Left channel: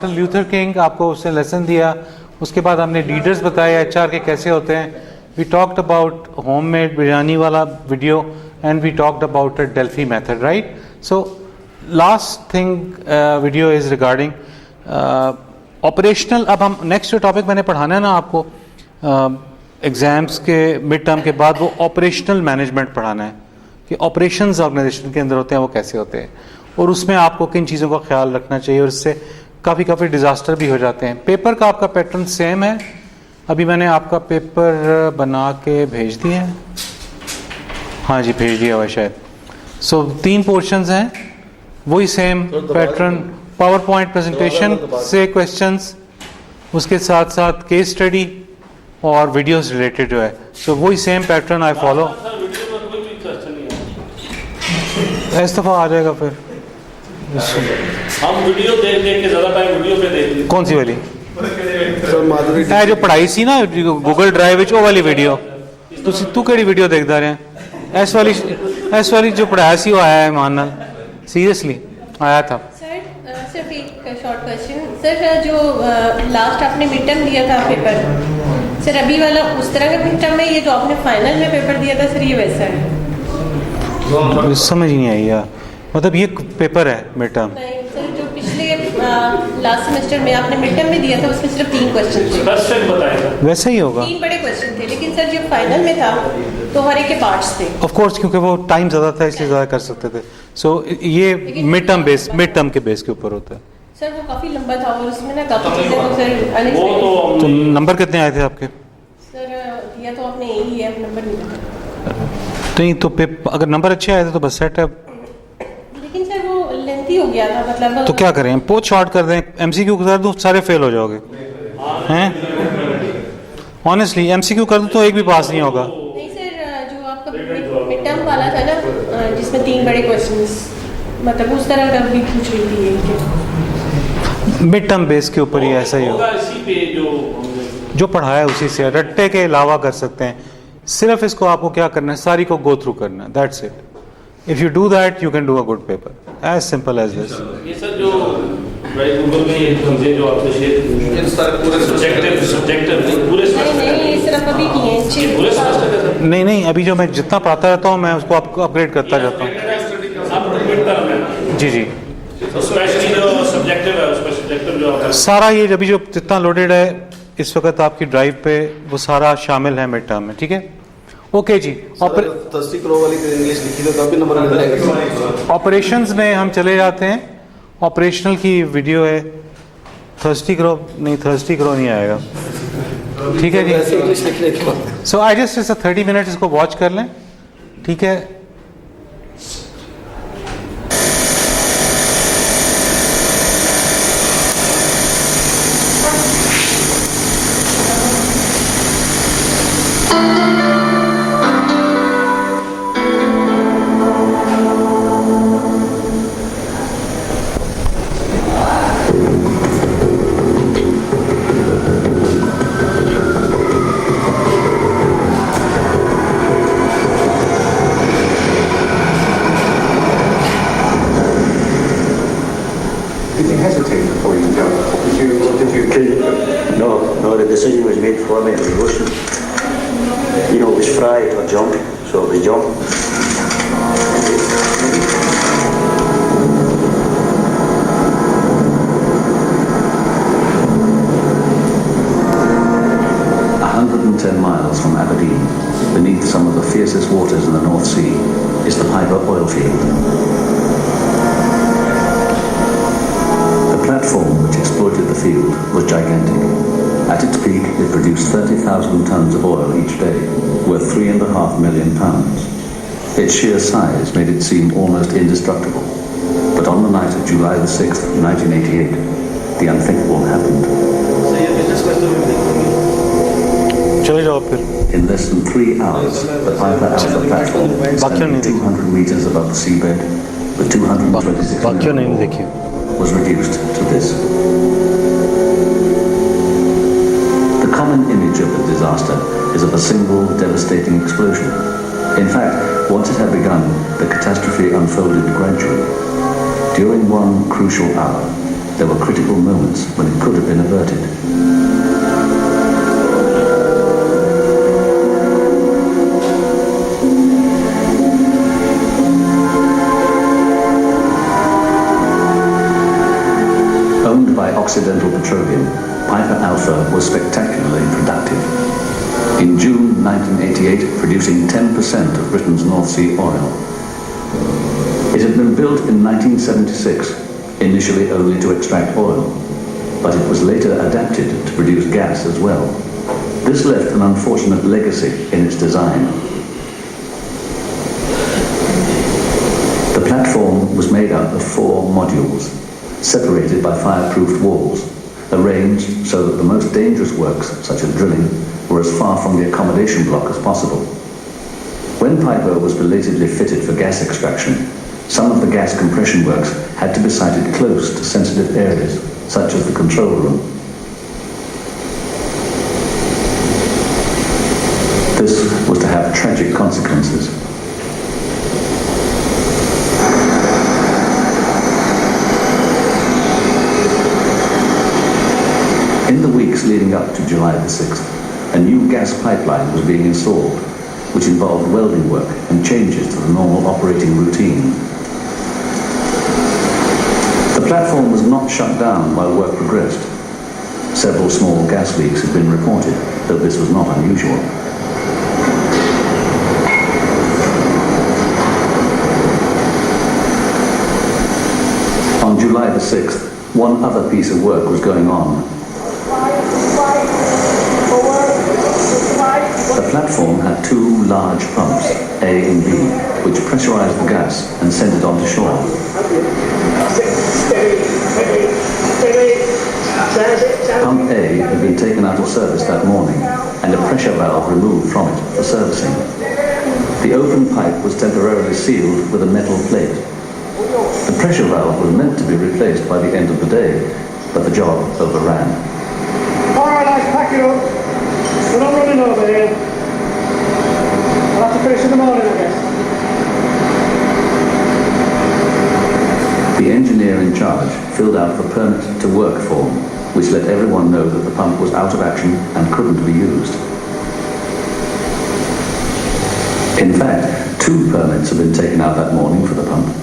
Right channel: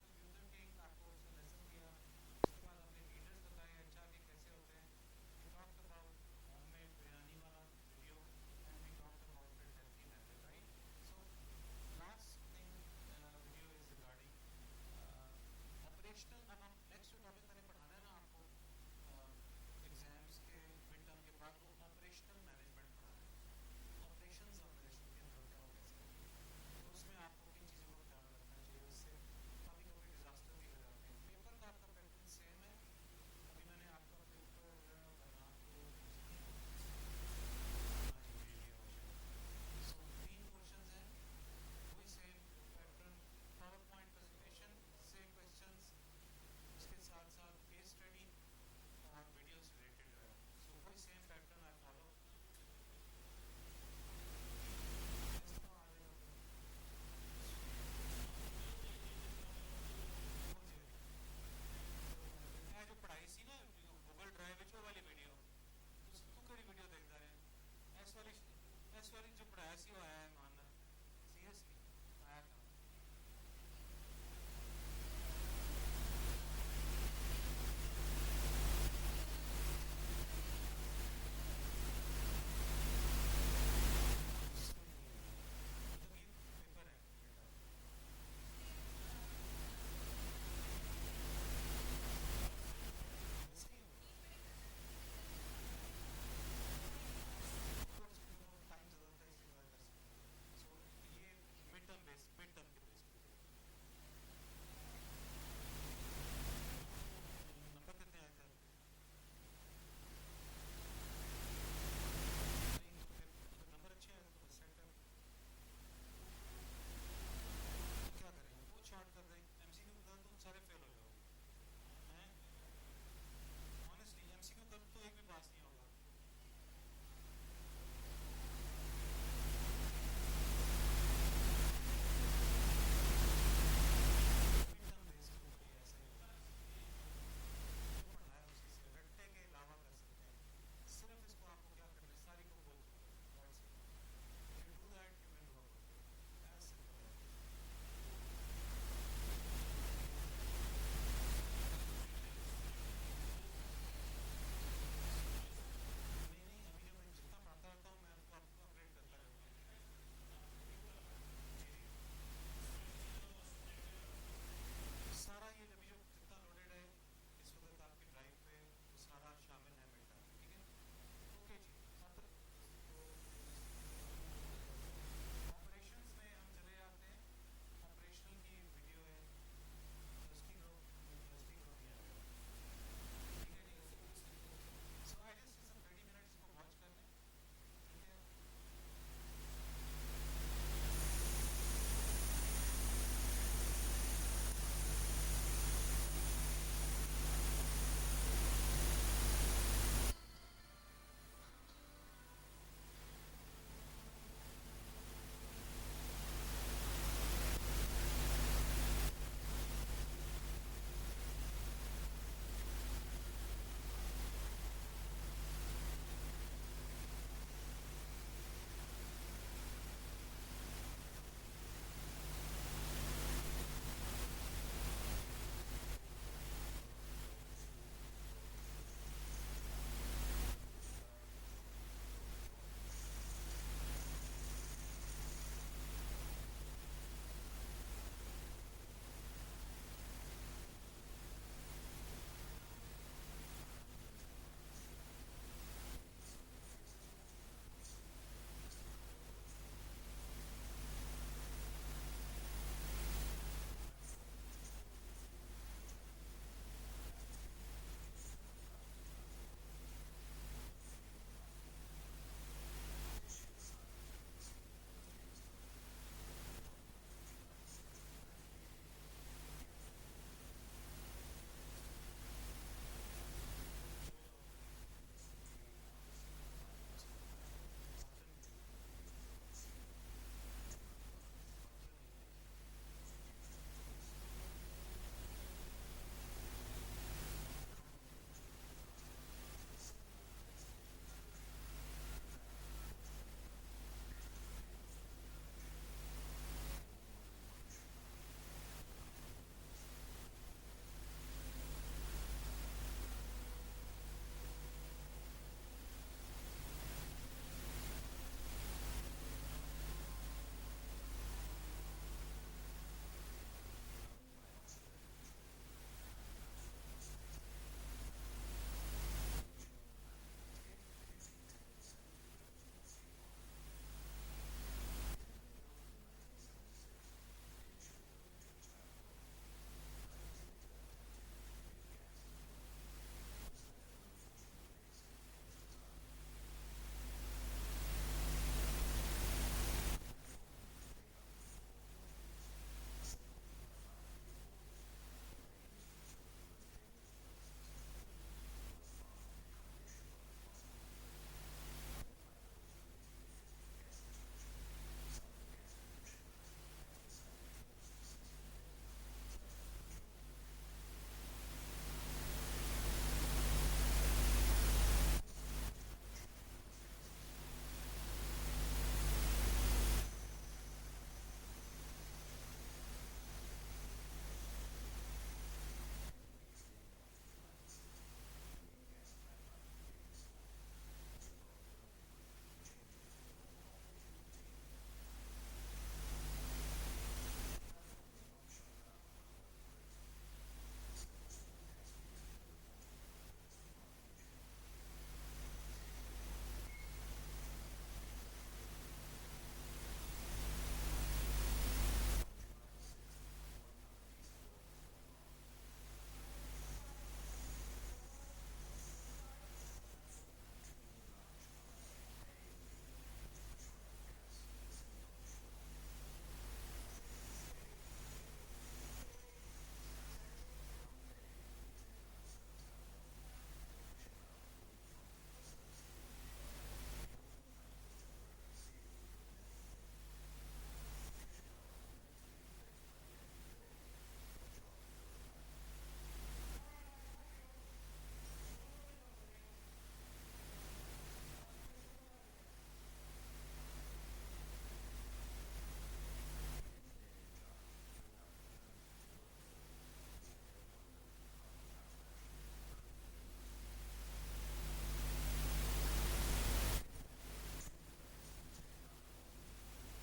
Luther king आपको उसने lesson दिया, उसके बाद हमने लीडर्स बताए एचआर के कैसे होते हैं. We talked about homemade biryani वाला video and we talked about a Delphi method, right. So last thing video is regarding operational. अब हम नेक्स्ट जो टॉपिक मैंने पढ़ाना है ना आपको एग्जाम्स के मिड टर्म के बाद, वो ऑपरेशनल मैनेजमेंट पढ़ाना है कि ऑपरेशंस ऑर्गेनाइजेशन के अंदर होते हैं वो कैसे होते हैं और उसमें आपको किन चीज़ों का ख्याल रखना चाहिए और इससे काफ़ी डिज़ास्टर भी हो जाते हैं. पेपर का आपका पैटर्न सेम है. अभी मैंने आपका पेपर बना के भेज दिया है. हाँ जी, भेज दिया हुआ शायद. सो 3 पोर्शंस हैं, वही same pattern. Power point presentation से क्वेश्चंस, उसके साथ साथ केस स्टडी और वीडियोस रिलेटेड जो है. सो वही सेम पैटर्न आई फॉलो. इस दफ़ा आ जाएगा फिर. हम वीडियो देख के ज़्यादा टाइम वीडियो पे देखते. कौन सी वाली जो पढ़ाई सी ना गूगल ड्राइव वो वाली वीडियो? तू केड़ी वीडियो देखता रहे? एस वाली जो पढ़ाया सी वो आया है मान सीरियसली आया था. सिर्फ एक शॉर्ट क्वेश्चन सर, जो लास्ट आपने मिड टर्म दिया था पेपर सर, अभी वाला उस तरह का मिड टर्म है? ये जो आपने फाइनल में पेपर दिया था सर, ये वैसा है? समझ नहीं आई यार, मतलब ये पेपर है मिड टर्म? नहीं सर, जो पिछले लास्ट सेमेस्टर में आपने मिड टर्म में दिया था उसमें सिर्फ 3 क्वेश्चन थे. वैसे ही होगा, 3 बड़े क्वेश्चन थे. लेकिन सर जब फाइनल में था तो हर एक के पार्ट्स थे. ऑफ कोर्स, क्योंकि वो टाइम ज़्यादा था इसलिए ज़्यादा कर सकते थे. सो ये मिड टर्म के बेस के ऊपर होता है. सर वो काफ़ी लंबा था और उसमें ना काफ़ी चीज़ें तो सर तो नंबर कितने आए थे आपके? सर दिया तो आपने यही है, नंबर नहीं तो अगर नंबर अच्छे आए थे तो बस सेट है. लेकिन सर वो लेंथी हो गया था, मतलब तो क्या करें, बहुत शॉर्ट कर दें, एमसीक्यू कर दूं सारे फेल हो जाओगे हैं? ऑनेस्टली एमसीक्यू कर दूं तो एक भी पास नहीं होगा. नहीं सर, जो आपका मिड टर्म वाला था ना जिसमें 3 बड़े क्वेश्चंस, मतलब उस तरह का भी पूछ रही थी ये. मिड टर्म बेस के ऊपर ही ऐसा ही होगा. जो पढ़ाया है उसी से रट्टे के अलावा कर सकते हैं. सिर्फ इसको आपको क्या करना है, सारी को गो थ्रू करना है, that's it. If you do that, you can do a good paper. As simple as this. ये सर जो गूगल में ये चीजें जो आपने शेयर इन सारे पूरे सब्जेक्टिव पूरे नहीं सिर्फ अभी किए हैं पूरे सेमेस्टर. नहीं, अभी जो मैं जितना पढ़ाता रहता हूँ मैं उसको आपको अपग्रेड करता जाता हूँ. जी स्पेशली जो सब्जेक्टिव है उसमें सब्जेक्टिव जो सारा ये अभी जो जितना लोडेड है इस वक्त आपकी ड्राइव पे वो सारा शामिल है मिड टर्म में. ठीक है, ओके जी. ऑपरेशंस में हम चले जाते हैं. ऑपरेशनल की वीडियो है. थर्स्टी करो नहीं आएगा. ठीक है जी. सो आई जस्ट 30 मिनट इसको वॉच कर लें. ठीक है. No, the decision was made for me. It was motion. You know, it was fry or jump, so it was jump. Miles from Aberdeen, beneath some of the fiercest waters in the North Sea, is the Piper oil field. The platform which exploited the field was gigantic. At its peak, it produced 30,000 tons of oil each day, worth £3.5 million. Its sheer size made it seem almost indestructible. But on the night of July the 6th, 1988, the unthinkable happened. In less than 3 hours, the Piper Alpha platform, standing 200 meters above the seabed, with 226 was reduced to this. The common image of the disaster is of a single devastating explosion. In fact, once it had begun, the catastrophe unfolded gradually. During one crucial hour, there were critical moments when it could have been averted. Owned by Occidental Petroleum, Piper Alpha was spectacularly productive. In June 1988, producing 10% of Britain's North Sea oil. It had been built in 1976, initially only to extract oil, but it was later adapted to produce gas as well. This left an unfortunate legacy in its design. The platform was made up of 4 modules, separated by fireproofed walls, arranged so that the most dangerous works, such as drilling, were as far from the accommodation block as possible. When Piper was belatedly fitted for gas extraction, some of the gas compression works had to be sited close to sensitive areas, such as the control room. This was to have tragic consequences. In the weeks leading up to July the 6th, a new gas pipeline was being installed, which involved welding work and changes to the normal operating routine. The platform was not shut down while work progressed. Several small gas leaks had been reported, though this was not unusual. On July the 6th, one other piece of work was going on. The platform had 2 large pumps, A and B, which pressurized the gas and sent it onto shore. Pump A had been taken out of service that morning and a pressure valve removed from it for servicing. The open pipe was temporarily sealed with a metal plate. The pressure valve was meant to be replaced by the end of the day, but the job overran. All right, lads, pack it up. We're not running over here. I'll have to finish in the morning, I guess. The engineer in charge filled out the permit to work form, which let everyone know that the pump was out of action and couldn't be used. In fact, 2 permits had been taken out that morning for the pump.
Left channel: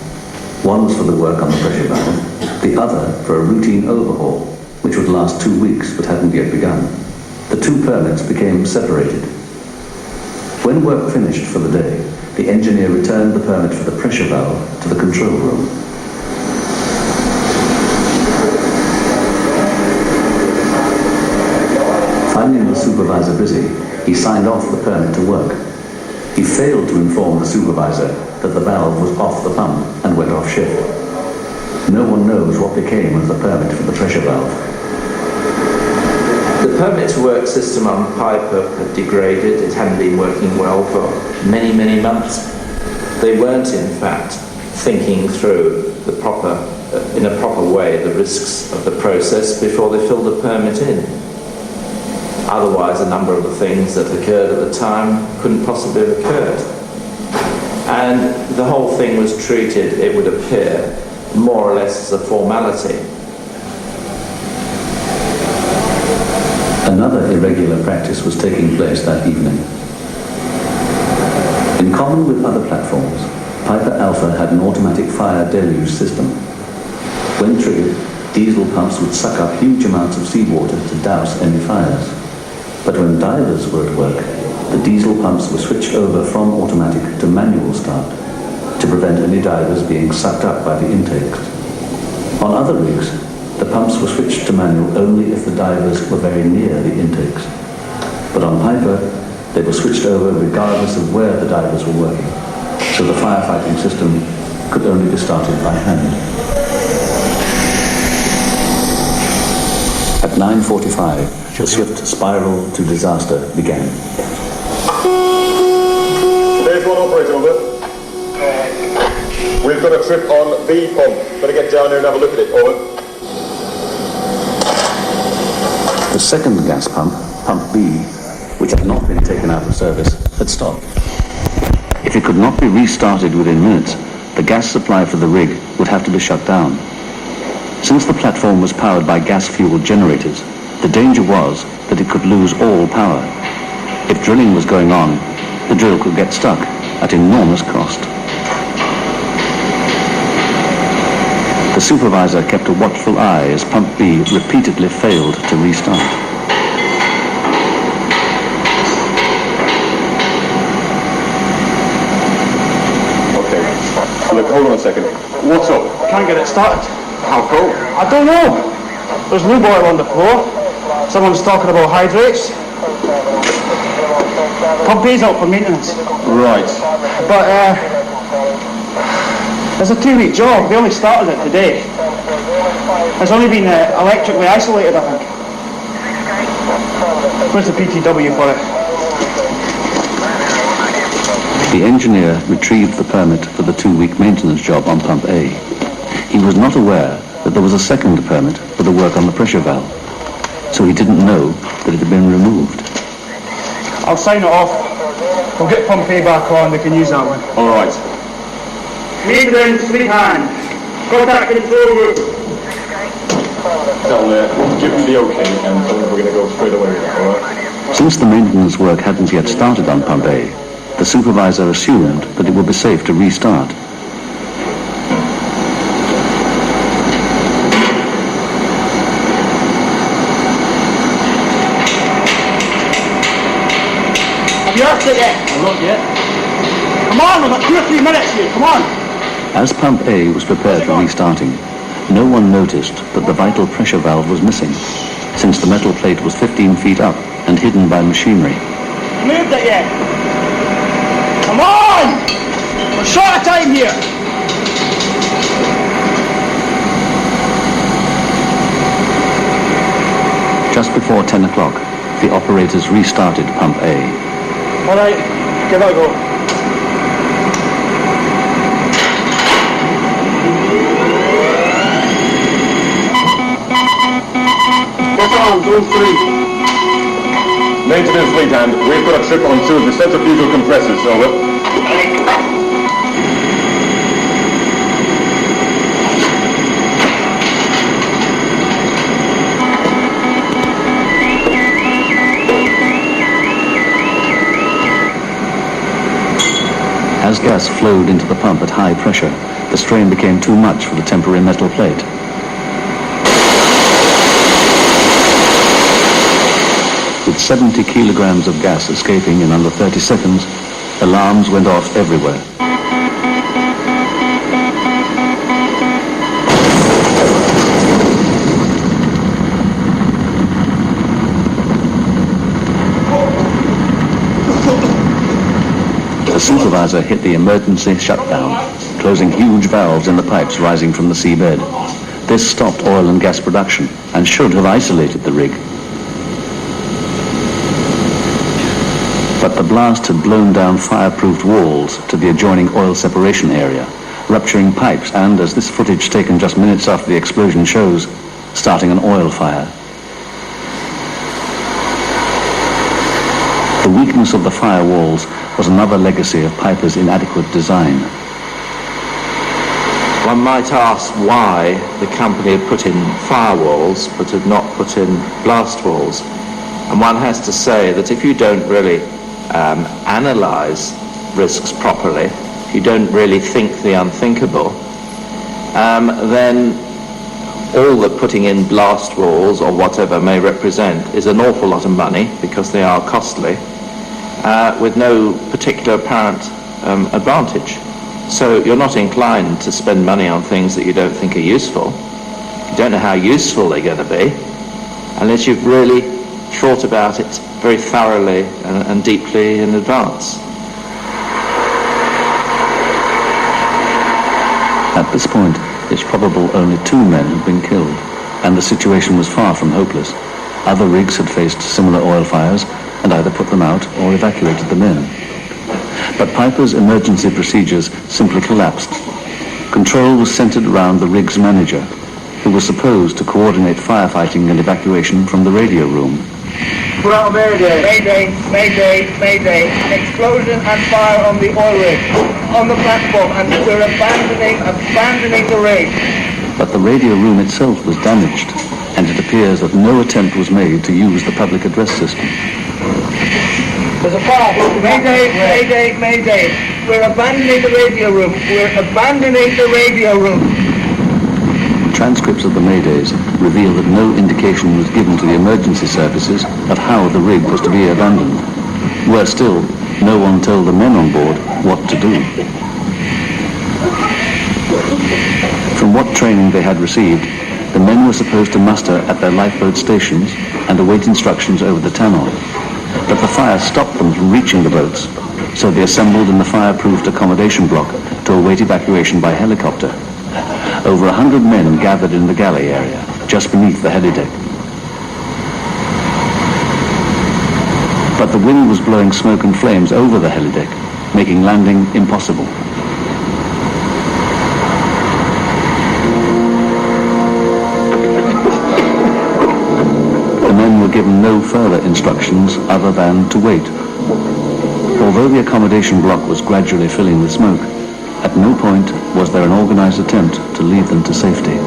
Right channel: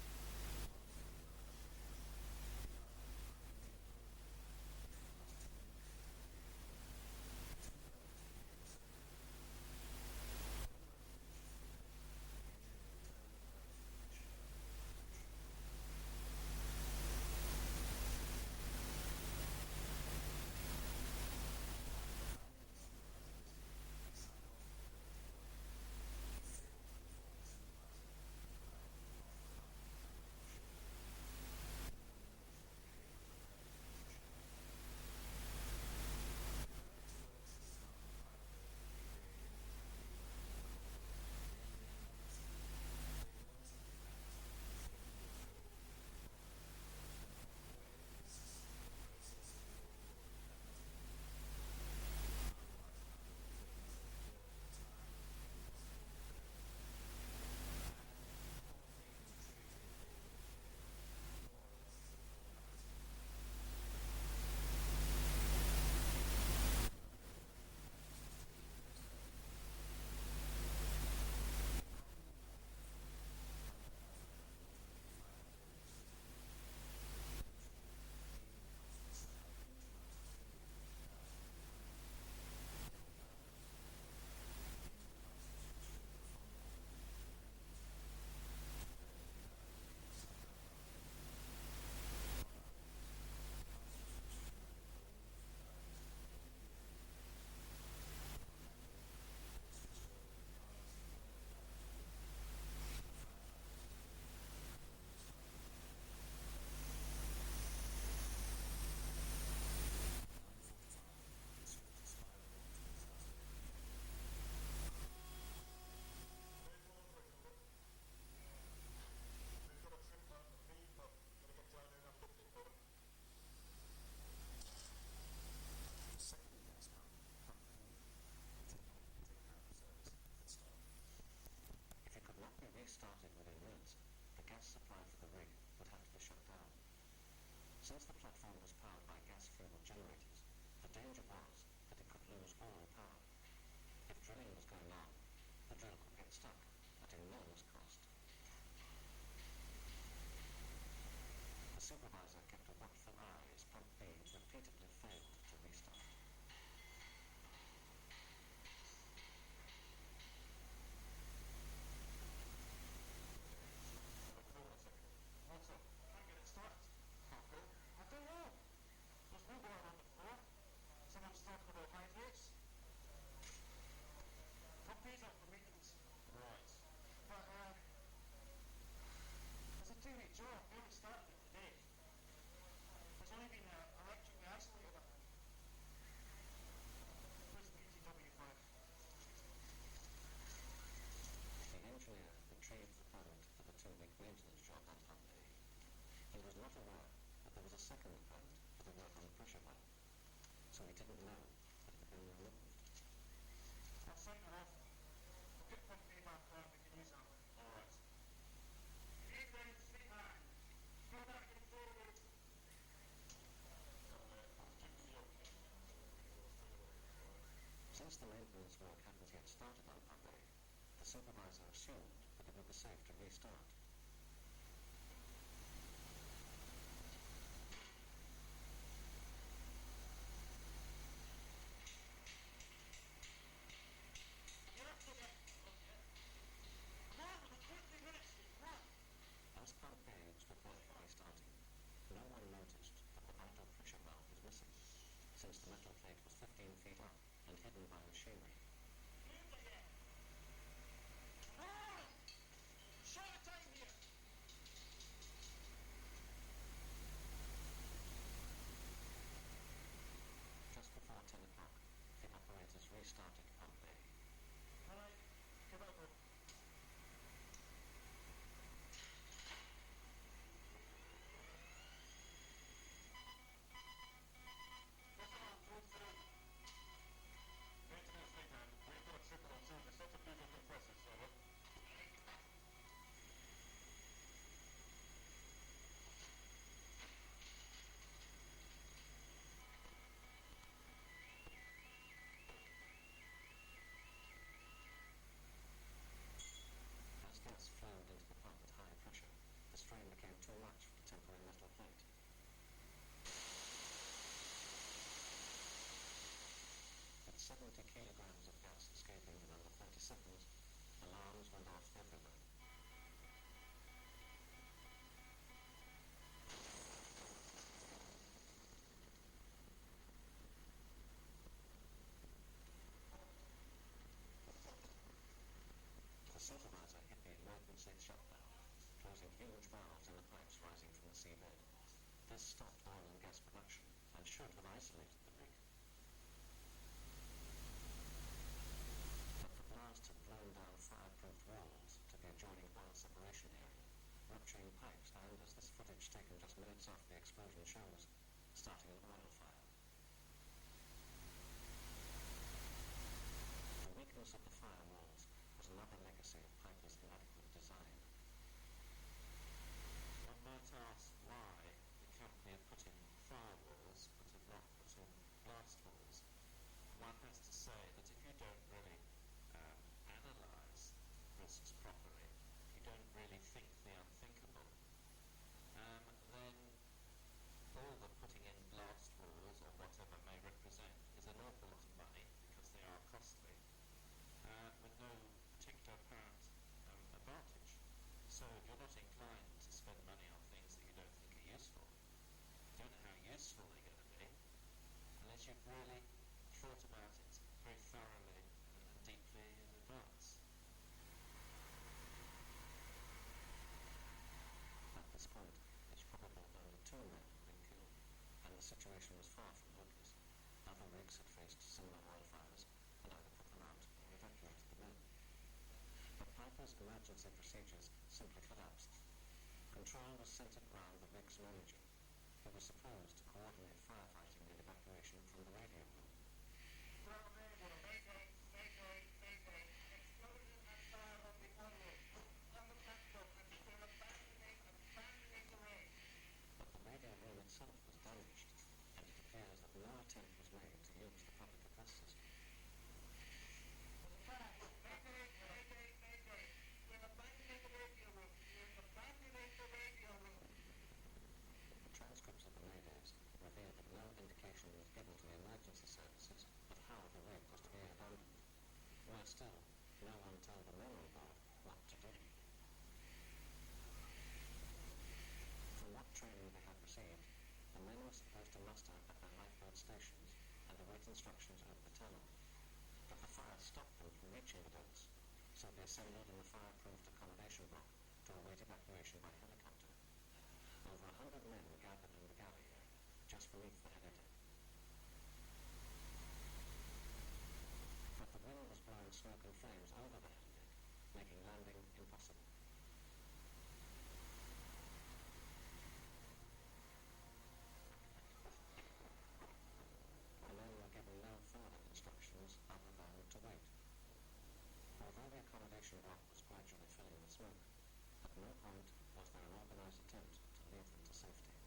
One was for the work on the pressure valve, the other for a routine overhaul, which would last 2 weeks but hadn't yet begun. The 2 permits became separated. When work finished for the day, the engineer returned the permit for the pressure valve to the control room. Finding the supervisor busy, he signed off the permit to work. He failed to inform the supervisor that the valve was off the pump and went off shift. No one knows what became of the permit for the pressure valve. The permit to work system on Piper had degraded. It hadn't been working well for many, many months. They weren't, in fact, thinking through in a proper way the risks of the process before they filled the permit in. Otherwise, a number of the things that occurred at the time couldn't possibly have occurred. And the whole thing was treated, it would appear, more or less as a formality. Another irregular practice was taking place that evening. In common with other platforms, Piper Alpha had an automatic fire deluge system. When triggered, diesel pumps would suck up huge amounts of seawater to douse any fires. But when divers were at work, the diesel pumps were switched over from automatic to manual start to prevent any divers being sucked up by the intakes. On other rigs, the pumps were switched to manual only if the divers were very near the intakes. But on Piper, they were switched over regardless of where the divers were working, so the firefighting system could only be started by hand. At 9:45, the swift spiral to disaster began. There's one operator, over. We've got a trip on B pump. Better get down here and have a look at it, over. The second gas pump, pump B, which had not been taken out of service, had stopped. If it could not be restarted within minutes, the gas supply for the rig would have to be shut down. Since the platform was powered by gas-fueled generators, the danger was that it could lose all power. If drilling was going on, the drill could get stuck at enormous cost. The supervisor kept a watchful eye as Pump B repeatedly failed to restart. Okay. Look, hold on a second. What's up? Can't get it started. How come? I don't know. There's lube oil on the floor. Someone's talking about hydrates. Pump B's out for maintenance. Right. But it's a 2-week job. They only started it today. It's only been electrically isolated, I think. Where's the PTW for it? The engineer retrieved the permit for the 2-week maintenance job on Pump A. He was not aware that there was a second permit for the work on the pressure valve, so he didn't know that it had been removed. I'll sign it off. We'll get Pump A back on. We can use that one. All right. Maintenance, fleet hand. Contact control group. Tell give me the okay, and we're going to go straight away with that, all right? Since the maintenance work hadn't yet started on Pump A, the supervisor assumed that it would be safe to restart. Have you asked it yet? Not yet. Come on, we've got 2 or 3 minutes here. Come on. As Pump A was prepared for restarting, no one noticed that the vital pressure valve was missing, since the metal plate was 15 feet up and hidden by machinery. Moved it yet? Come on! We're short of time here. Just before 10 o'clock, the operators restarted Pump A. All right, give it a go. What's on, those 3? Maintenance fleet hand, we've got a trip on 2 of the centrifugal compressors, over. As gas flowed into the pump at high pressure, the strain became too much for the temporary metal plate. With 70 kilograms of gas escaping in under 30 seconds, alarms went off everywhere. The supervisor hit the emergency shutdown, closing huge valves in the pipes rising from the seabed. This stopped oil and gas production and should have isolated the rig. But the blast had blown down fireproofed walls to the adjoining oil separation area, rupturing pipes and, as this footage taken just minutes after the explosion shows, starting an oil fire. The weakness of the firewalls was another legacy of Piper's inadequate design. One might ask why the company had put in firewalls but had not put in blast walls. And one has to say that if you don't really analyze risks properly, if you don't really think the unthinkable, then all that putting in blast walls or whatever may represent is an awful lot of money, because they are costly, with no particular apparent advantage. So you're not inclined to spend money on things that you don't think are useful. You don't know how useful they're going to be unless you've really thought about it very thoroughly and deeply in advance. At this point, it's probable only 2 men had been killed, and the situation was far from hopeless. Other rigs had faced similar oil fires and either put them out or evacuated the men. But Piper's emergency procedures simply collapsed. Control was centered around the rig's manager, who was supposed to coordinate firefighting and evacuation from the radio room. Put out a mayday. Mayday, mayday, mayday. Explosion and fire on the oil rig, on the platform, and we're abandoning the rig. but the radio room itself was damaged, and it appears that no attempt was made to use the public address system. There's a fire. Mayday, mayday, mayday. We're abandoning the radio room. We're abandoning the radio room. Transcripts of the Maydays reveal that no indication was given to the emergency services of how the rig was to be abandoned. Worse still, no one told the men on board what to do. From what training they had received, the men were supposed to muster at their lifeboat stations and await instructions over the tannoy. But the fire stopped them from reaching the boats, so they assembled in the fireproofed accommodation block to await evacuation by helicopter. Over 100 men gathered in the galley area, just beneath the helideck. But the wind was blowing smoke and flames over the helideck, making landing impossible. The men were given no further instructions other than to wait. Although the accommodation block was gradually filling with smoke, at no point was there an organized attempt to lead them to safety.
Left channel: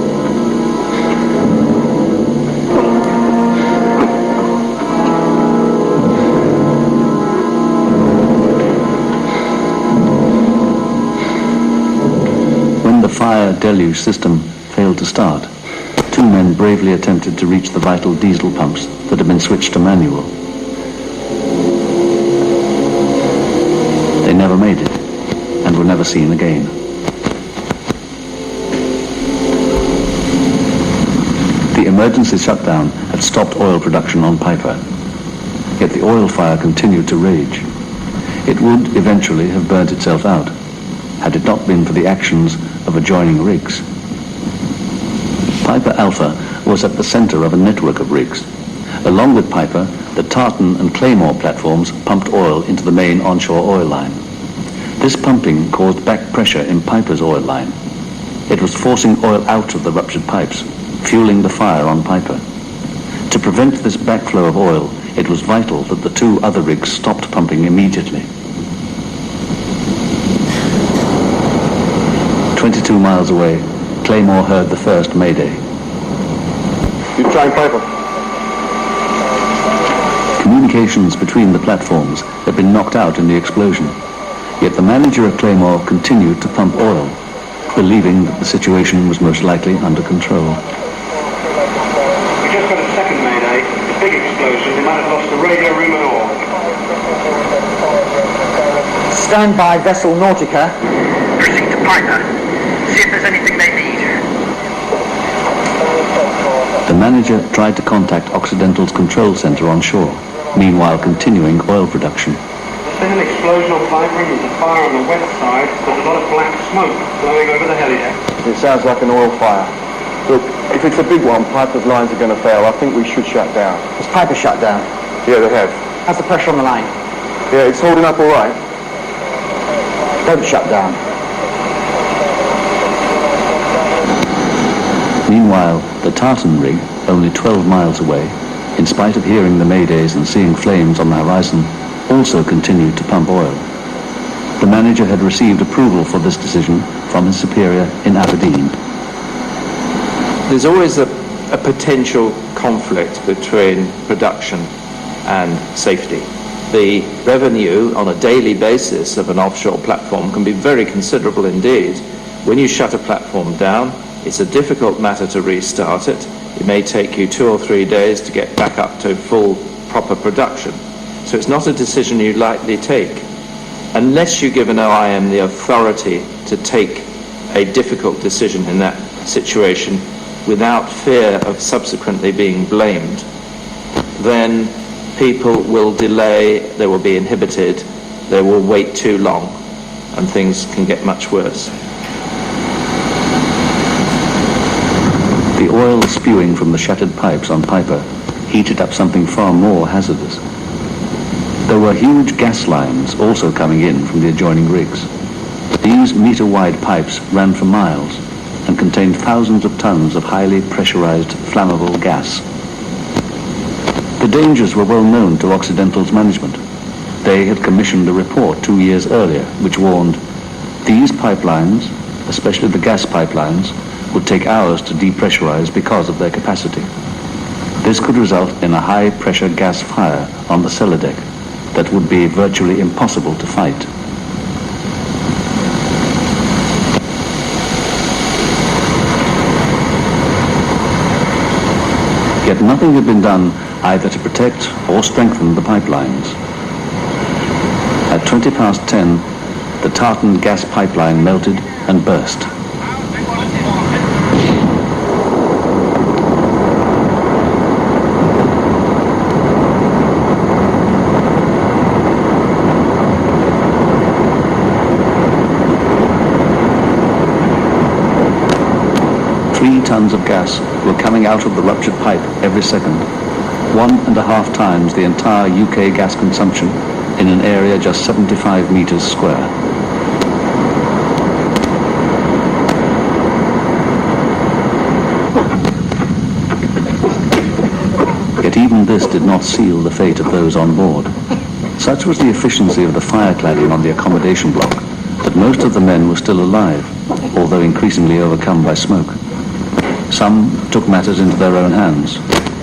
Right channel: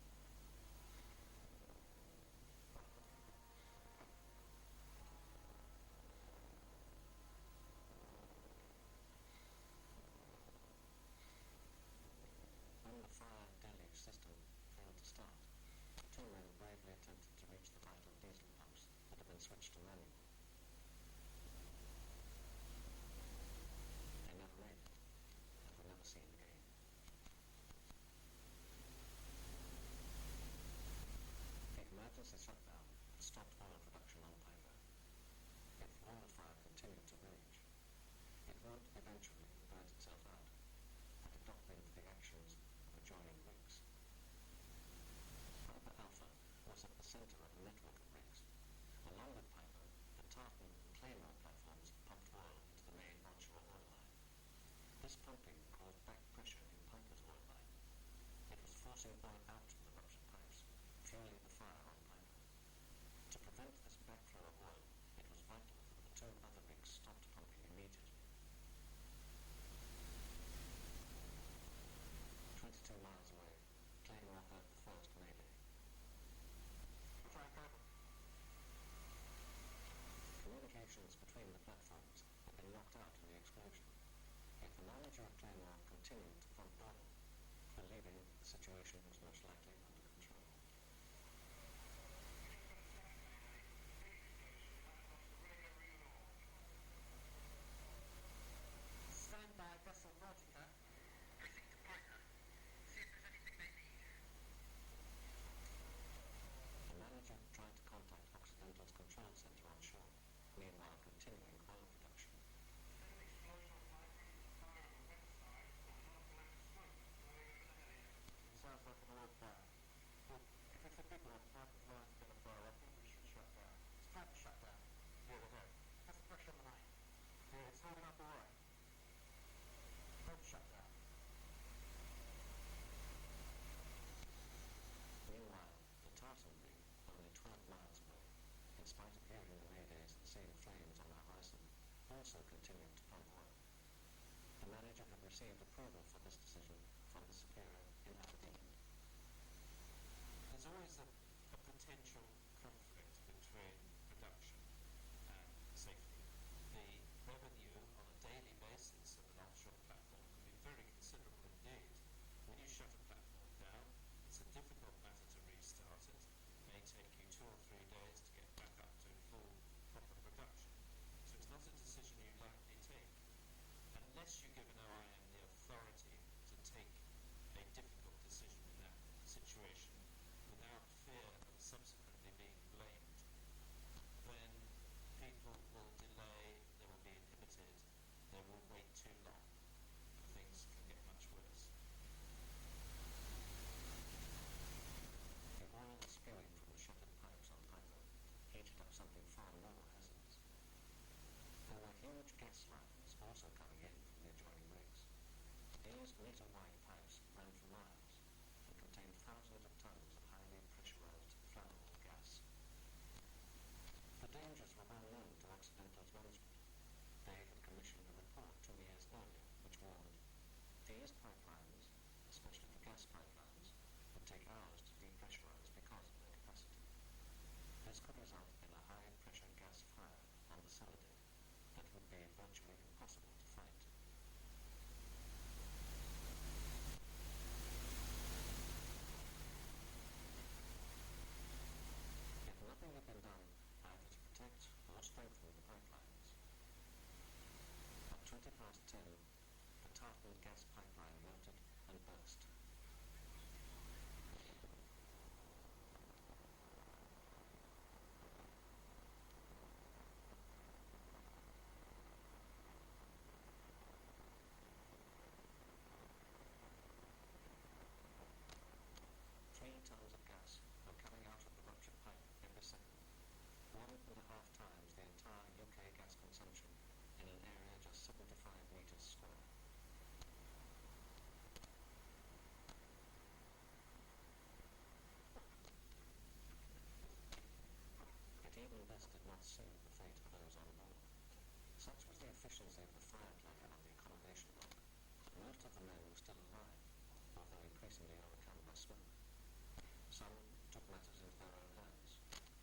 When the fire deluge system failed to start, 2 men bravely attempted to reach the vital diesel pumps that had been switched to manual. They never made it, and were never seen again. The emergency shutdown had stopped oil production on Piper, yet the oil fire continued to rage. It would eventually have burnt itself out, had it not been for the actions of adjoining rigs. Piper Alpha was at the center of a network of rigs. Along with Piper, the Tartan and Claymore platforms pumped oil into the main onshore oil line. This pumping caused back pressure in Piper's oil line. It was forcing oil out of the ruptured pipes, fueling the fire on Piper. To prevent this backflow of oil, it was vital that the 2 other rigs stopped pumping immediately. 22 miles away, Claymore heard the first mayday. You're trying Piper. Communications between the platforms had been knocked out in the explosion. Yet the manager of Claymore continued to pump oil, believing that the situation was most likely under control. We just got a second mayday. A big explosion. They might have lost the radio room and all. Stand by vessel Nautica. Proceed to Piper. See if there's anything they need. The manager tried to contact Occidental's control center on shore, meanwhile continuing oil production. There's been an explosion on Piper and there's a fire on the west side. There's a lot of black smoke blowing over the helideck. It sounds like an oil fire. Look, if it's a big one, Piper's lines are going to fail. I think we should shut down. Has Piper shut down? Yeah, they have. How's the pressure on the line? Yeah, it's holding up all right. Don't shut down. Meanwhile, the Tartan rig, only 12 miles away, in spite of hearing the maydays and seeing flames on the horizon, also continued to pump oil. The manager had received approval for this decision from his superior in Aberdeen. There's always a potential conflict between production and safety. The revenue on a daily basis of an offshore platform can be very considerable indeed. When you shut a platform down, it's a difficult matter to restart it. It may take you 2 or 3 days to get back up to full, proper production. So it's not a decision you lightly take. Unless you give an OIM the authority to take a difficult decision in that situation without fear of subsequently being blamed, then people will delay, they will be inhibited, they will wait too long, and things can get much worse. The oil spewing from the shattered pipes on Piper heated up something far more hazardous. There were huge gas lines also coming in from the adjoining rigs. These meter-wide pipes ran for miles and contained thousands of tons of highly pressurized flammable gas. The dangers were well known to Occidental's management. They had commissioned a report 2 years earlier which warned, these pipelines, especially the gas pipelines, would take hours to depressurize because of their capacity. This could result in a high-pressure gas fire on the cellar deck that would be virtually impossible to fight. Yet nothing had been done either to protect or strengthen the pipelines. At 10:20, the Tartan gas pipeline melted and burst. Tons of gas were coming out of the ruptured pipe every second, 1.5 times the entire UK gas consumption in an area just 75 metres square. Yet even this did not seal the fate of those on board. Such was the efficiency of the fire cladding on the accommodation block that most of the men were still alive, although increasingly overcome by smoke. Some took matters into their own hands,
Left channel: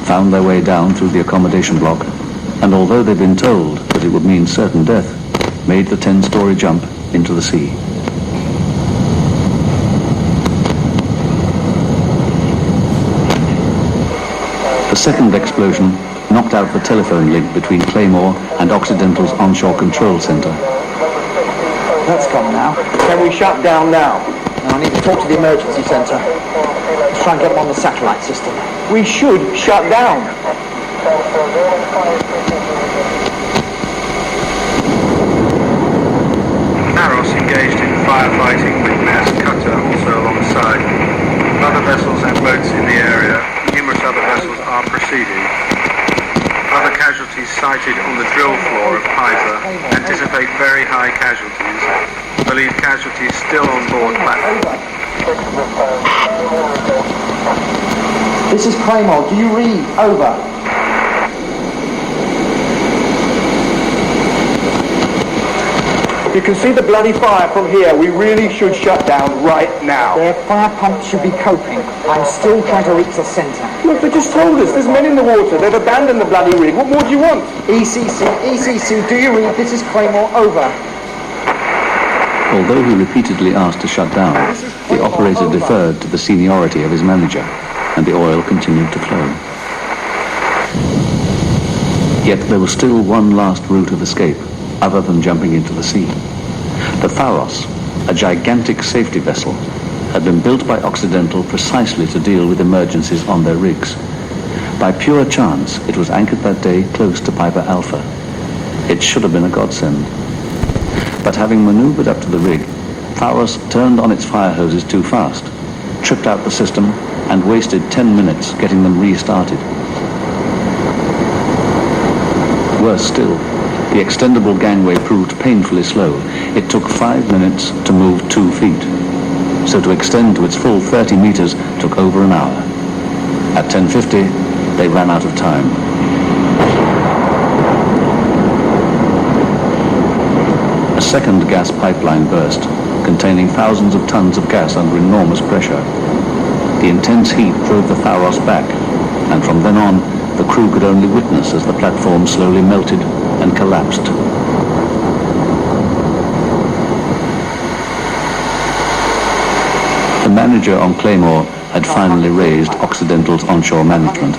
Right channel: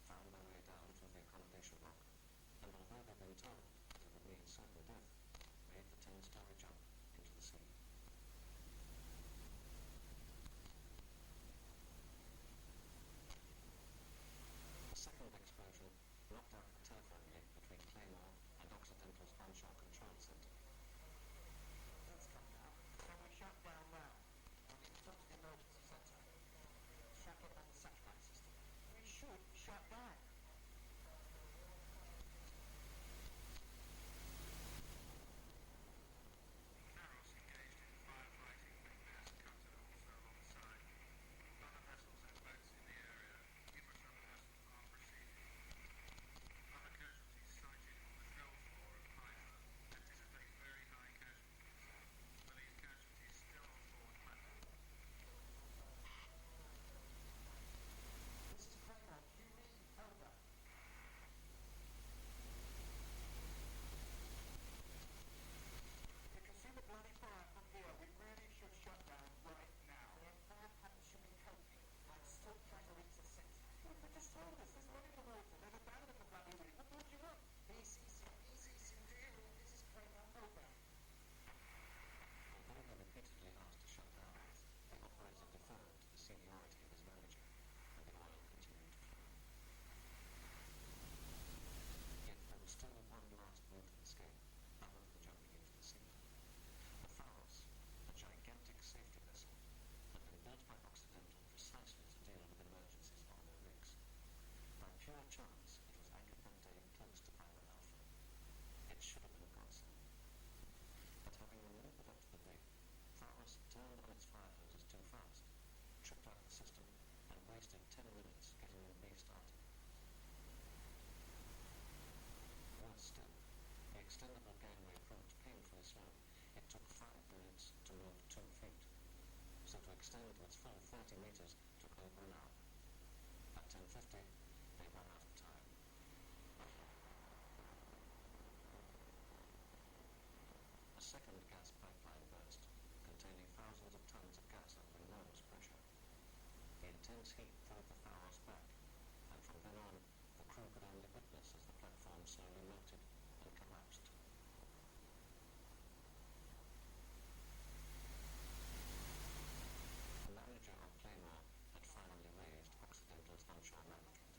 found their way down through the accommodation block, and although they'd been told that it would mean certain death, made the 10-story jump into the sea. The second explosion knocked out the telephone link between Claymore and Occidental's onshore control centre. That's gone now. Can we shut down now? No, I need to talk to the emergency centre. Let's try and get them on the satellite system. We should shut down. Naros engaged in firefighting with mass cutter also alongside. Other vessels and boats in the area. Numerous other vessels are proceeding. Other casualties sighted on the drill floor of Piper anticipate very high casualties. Believe casualties still on board platform. This is Claymore. Do you read? Over. You can see the bloody fire from here. We really should shut down right now. Their fire pumps should be coping. I'm still trying to reach the centre. Look, they just told us. There's men in the water. They've abandoned the bloody rig. What more do you want? ECC, do you read? This is Claymore, over. Although he repeatedly asked to shut down, the operator deferred to the seniority of his manager, and the oil continued to flow. Yet there was still one last route of escape, other than jumping into the sea. The V.R.U, a gigantic safety vessel, had been built by Occidental precisely to deal with emergencies on their rigs. By pure chance, it was anchored that day close to Piper Alpha. It should have been a godsend. But having manoeuvred up to the rig, V.R.U turned on its fire hoses too fast, tripped out the system, and wasted 10 minutes getting them restarted. Worse still, the extendable gangway proved painfully slow. It took 5 minutes to move 2 feet. So to extend to its full 30 meters took over an hour. At 10:50, they ran out of time. A second gas pipeline burst, containing thousands of tons of gas under enormous pressure. The intense heat drove the V.R.U back, and from then on, the crew could only witness as the platform slowly melted and collapsed. The manager on Claymore had finally raised Occidental's onshore management.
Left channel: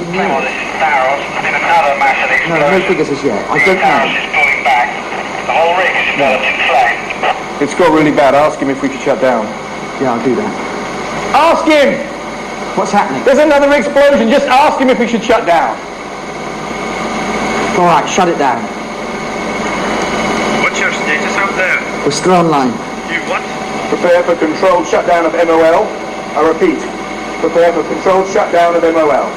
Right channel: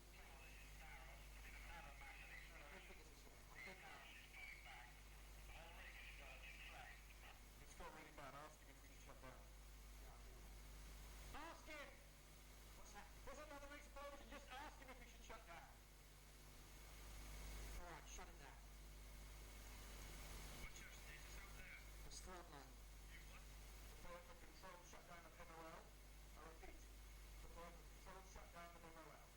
No figures as yet. I don't know. It's got really bad. Ask him if we could shut down. Yeah, I'll do that. Ask him! What's happening? There's another explosion. Just ask him if we should shut down. All right, shut it down. What's your status out there? We're still online. You what? Prepare for controlled shutdown of MOL. I repeat, prepare for controlled shutdown of MOL.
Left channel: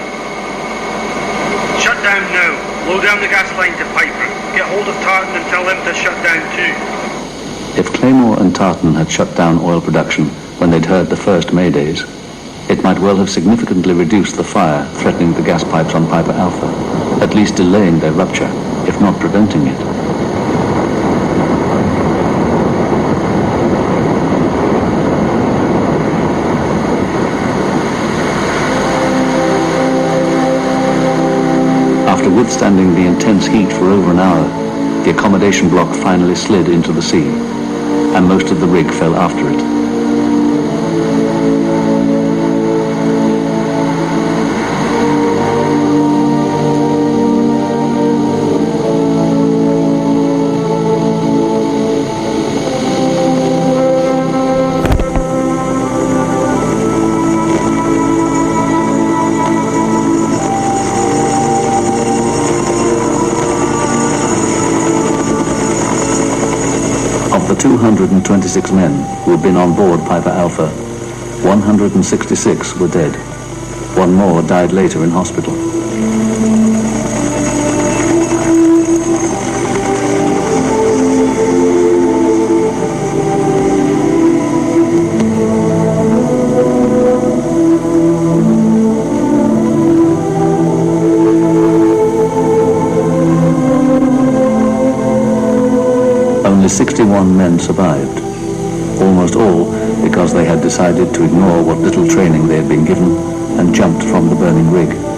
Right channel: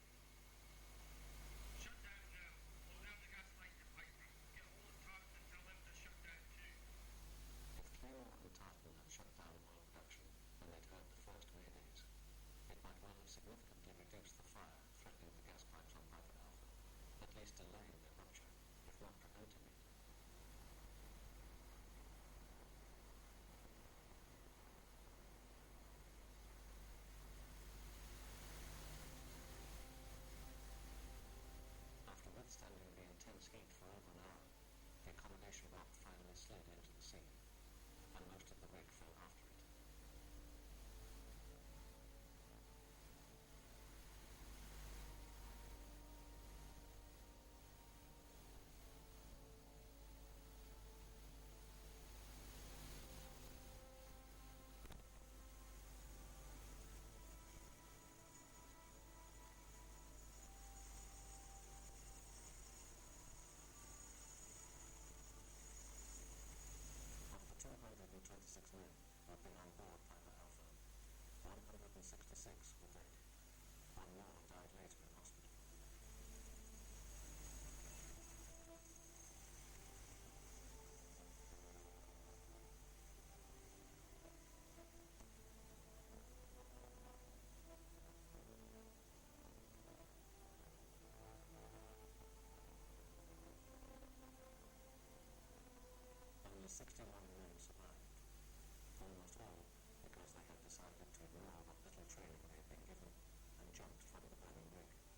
Shut down now. Low down the gas line to Piper. Get hold of Tartan and tell them to shut down too. If Claymore and Tartan had shut down oil production when they'd heard the first maydays, it might well have significantly reduced the fire threatening the gas pipes on Piper Alpha, at least delaying their rupture, if not preventing it. After withstanding the intense heat for over an hour, the accommodation block finally slid into the sea, and most of the rig fell after it. Of the 226 men who had been on board Piper Alpha, 166 were dead. One more died later in hospital. Only 61 men survived, almost all because they had decided to ignore what little training they had been given and jumped from the burning rig.